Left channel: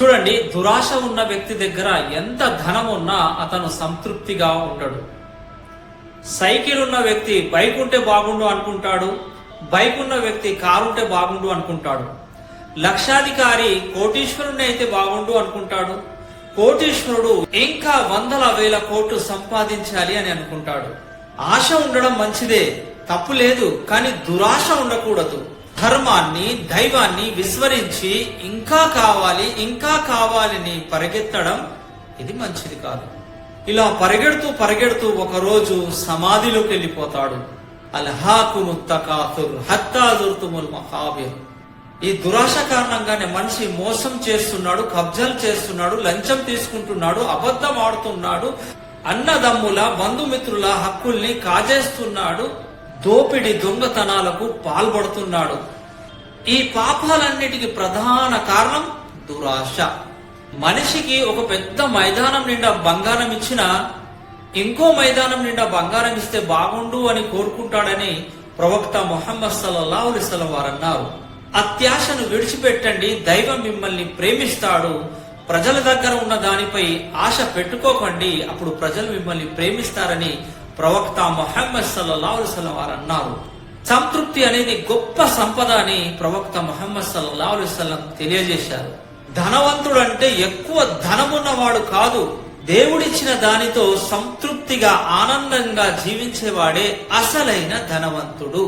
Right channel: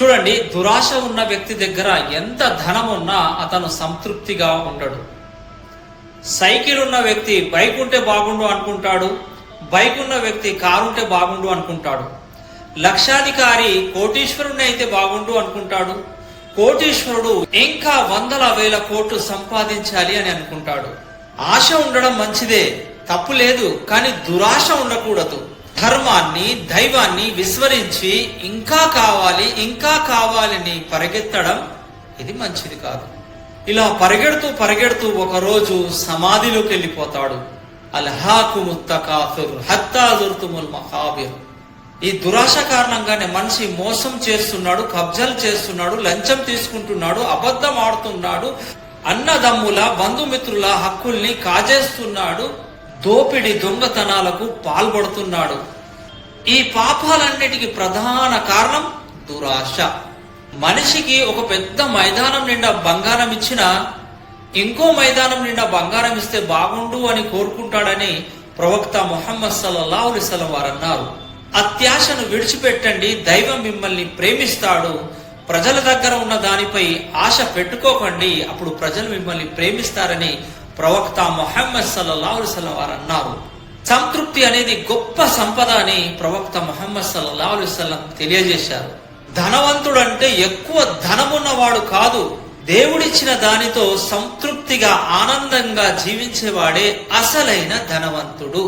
చూడండి, దురాశ ఉన్న వ్యక్తి దగ్గర ఎంత ధనం ఉన్నా అతను సంతృప్తిగా ఉండడు. సైకిల్ ఉన్న వ్యక్తి బైక్ ఉంటే బాగుండు అనుకుంటాడు, బైక్ ఉన్న వ్యక్తి కారు ఉంటే బాగుండు అనుకుంటాడు. లక్షాధికారి కోటీశ్వరుని అయితే బాగుండు అనుకుంటాడు, కోటీశ్వరుడు ఇంకా వందల వేల కోట్లు సంపాదించాలి అని అనుకుంటాడు. ఆశ ఉండడం మంచిదే, తప్పు లేదు, కానీ దురాశ ఉండకూడదు. ధర్మాన్ని దైవాన్ని విస్మరించి ఇంకా కావాలని పరిగెత్తడం ఇది మంచిది కాదు. ఇలా పరిగెడుతూ ఒకరోజు సమాధిలోకి వెళ్ళిపోతాడు. అల్హాకుము తకాసుర్ హత్తా జుర్తుముల్ మఖాబిర్. ఈ దురాశ కారణంగానే మనిషి మోసం చేస్తున్నాడు, కబ్జాలు చేస్తున్నాడు, లంచం తీసుకుంటున్నాడు, అబద్ధం ఆడుతున్నాడు, అన్నదమ్ముల బంధుమిత్రుల హక్కుల్ని కాజేస్తున్నాడు, దోపిడి దొంగతనాలకు పాల్పడుతున్నాడు. ఈ పాపాలన్నిటికీ ప్రధాన కారణం దురాశ. మనిషికి ఒక పెద్ద మైదానం నిండా బంగారం ఇచ్చినా ఇంకో మైదానం నిండా బంగారం ఇస్తే బాగుండు అని కోరుకుంటాడని ప్రవక్త ముహమ్మద్ సల్లల్లాహు అలైహి వసల్లం వారు అన్నారు. అత్యాశను విడిచిపెట్టండి, దైవం మిమ్మల్ని ప్రేమిస్తాడు. ప్రజల దగ్గర ఉన్న దానిపై ఆశ పెట్టుకోకండి, అప్పుడు ప్రజలు మిమ్మల్ని ప్రేమిస్తారని ప్రవక్త ముహమ్మద్ సల్లల్లాహు అలైహి వసల్లం వారు అన్నారు. సంతృప్తి అనేది గొప్ప సంపద అని ప్రవక్త ముహమ్మద్ సల్లల్లాహు అలైహి వసల్లం తెలియజేశారు. ధనవంతుడు అంటే ఎక్కువ ధనమున్నవాడు కాదు, దేవుడిచ్చిన దానితో సంతృప్తిగా ఆనందంగా జీవించేవాడే అసలైన ధనవంతుడు.